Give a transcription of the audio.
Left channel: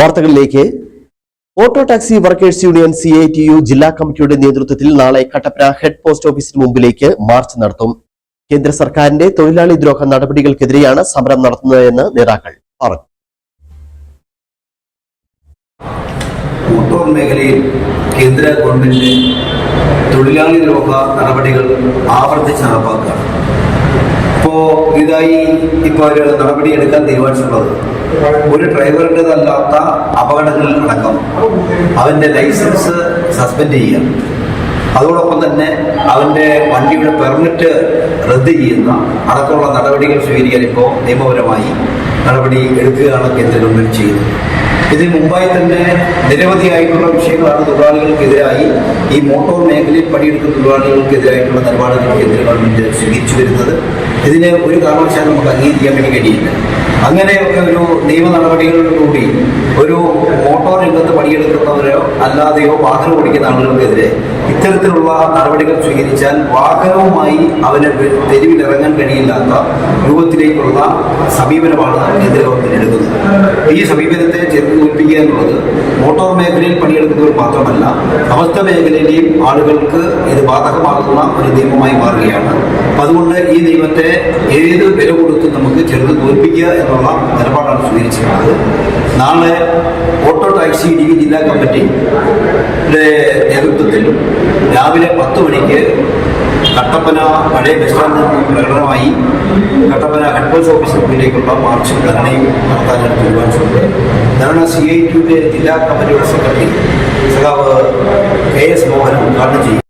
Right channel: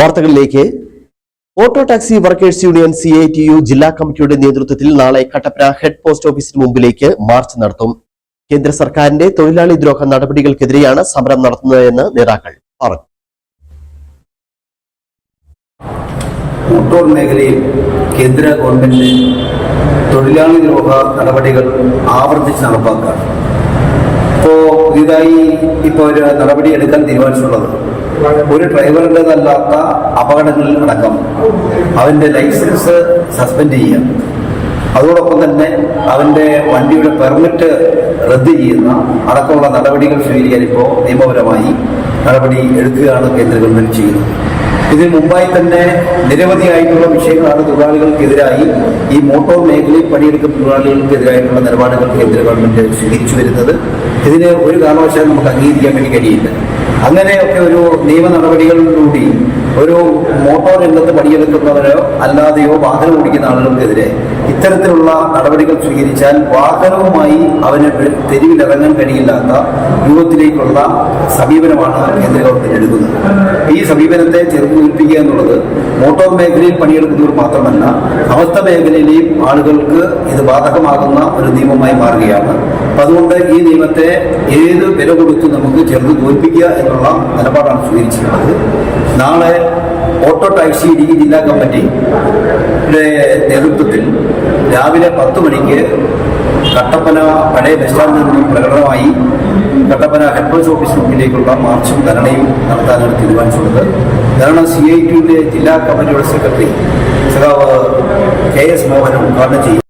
വാർത്തകളിലേക്ക്. Auto taxi workers union CITU ജില്ലാ കമ്മിറ്റിയുടെ നേതൃത്വത്തിൽ നാളെ കട്ടപ്പന ഹെഡ് പോസ്റ്റ് ഓഫീസിന് മുമ്പിലേക്ക് മാർച്ച് നടത്തും. കേന്ദ്ര സർക്കാരിന്റെ തൊഴിലാളി ദ്രോഹ നടപടികൾക്കെതിരെയാണ് സമരം നടത്തുന്നതെന്ന് നേതാക്കൾ പറഞ്ഞു. മോട്ടോർ മേഖലയിൽ കേന്ദ്ര ഗവൺമെന്റ് തൊഴിലാളി ദ്രോഹ നടപടികൾ ആവർത്തിച്ച് നടപ്പാക്കുക. ഇതായി ഒരു നടപടി എടുക്കാൻ തീരുമാനിച്ചിട്ടുള്ളത് ഒരു ഡ്രൈവറിൻ്റെതല്ലാത്ത അപകടങ്ങളിൽ അടക്കം അവന്റെ ലൈസൻസ് സസ്പെൻഡ് ചെയ്യാം. അതോടൊപ്പം തന്നെ അവന്റെ വണ്ടിയുടെ പെർമിറ്റ് റദ്ദ് ചെയ്യുന്ന അടക്കമുള്ള നടപടികൾ സ്വീകരിക്കാൻ ഇപ്പോൾ നിയമപരമായി നടപടി എടുക്കുകയാണ് കേന്ദ്ര ഗവൺമെന്റ് ചെയ്യുന്നത്. ഇതിന് മുമ്പായി തന്നെ നിരവധിയായിട്ടുള്ള വിഷയങ്ങളാണ് തൊഴിലാളികൾക്കെതിരായി ഈ മോട്ടോർ മേഖലയിൽ പണിയെടുക്കുന്ന തൊഴിലാളികൾക്കെതിരായിട്ടുള്ള നിലപാടുകൾ കേന്ദ്ര ഗവൺമെന്റ് സ്വീകരിച്ചു വരുന്നത്. ഇതിനെ ഒരു കാരണവശാലും നമുക്ക് അംഗീകരിക്കാൻ വേണ്ടി കഴിയില്ല. അങ്ങനെയൊക്കെ ഒരു നിയമ നടപടികളിലൂടെ ഒരു മോട്ടോർ രംഗത്ത് പണിയെടുക്കുന്നവരോ അല്ലാതെയോ വാഹനം ഓടിക്കുന്ന ആളുകൾക്കെതിരെ ഇത്തരത്തിലുള്ള നടപടികൾ സ്വീകരിച്ചാൽ വാഹനവുമായി അവന് തെരുവിലിറങ്ങാൻ കഴിയില്ലാത്ത രൂപത്തിലേക്കുള്ള സമീപനമാണ് കേന്ദ്ര ഗവൺമെന്റ് എടുക്കുന്നത്. ഈ സമീപനത്തെ ചെറുത്ത് തോൽപ്പിക്കുക എന്നുള്ളത് മോട്ടോർ മേഖലയിൽ പണിയെടുക്കുന്നവർ മാത്രമല്ല സമസ്ത മേഖലയിലെയും ആളുകൾക്ക് ഇത് ബാധകമാകുന്ന ഒരു നിയമമായി മാറുകയാണ്. അതുകൊണ്ട് ഈ നിയമത്തെ ഏത് വില കൊടുത്തും നമുക്ക് ചെറുത്ത് തോൽപ്പിക്കുക എന്നുള്ള നിലപാടാണ് സ്വീകരിച്ചിട്ടുള്ളത്. നാളെ ഓട്ടോ ടാക്സി ഇടുക്കി ജില്ലാ കമ്മിറ്റിയുടെ നേതൃത്വത്തിൽ രാവിലെ 10 മണിക്ക് കട്ടപ്പന പഴയ ബസ് സ്റ്റാൻഡിൽ നിന്നും പ്രകടനമായി കട്ടപ്പന ഹെഡ് പോസ്റ്റ് ഓഫീസിന് മുന്നിലേക്കുള്ള മാർച്ചും ധരണയും നടത്താനാണ് തീരുമാനിച്ചിട്ടുണ്ട്. ധരണ CITUവിന്റെ ജില്ലാ കമ്മിറ്റിയുടെ സെക്രട്ടറി സഖാവ് KS മോഹൻ ഉദ്ഘാടനം ചെയ്യും.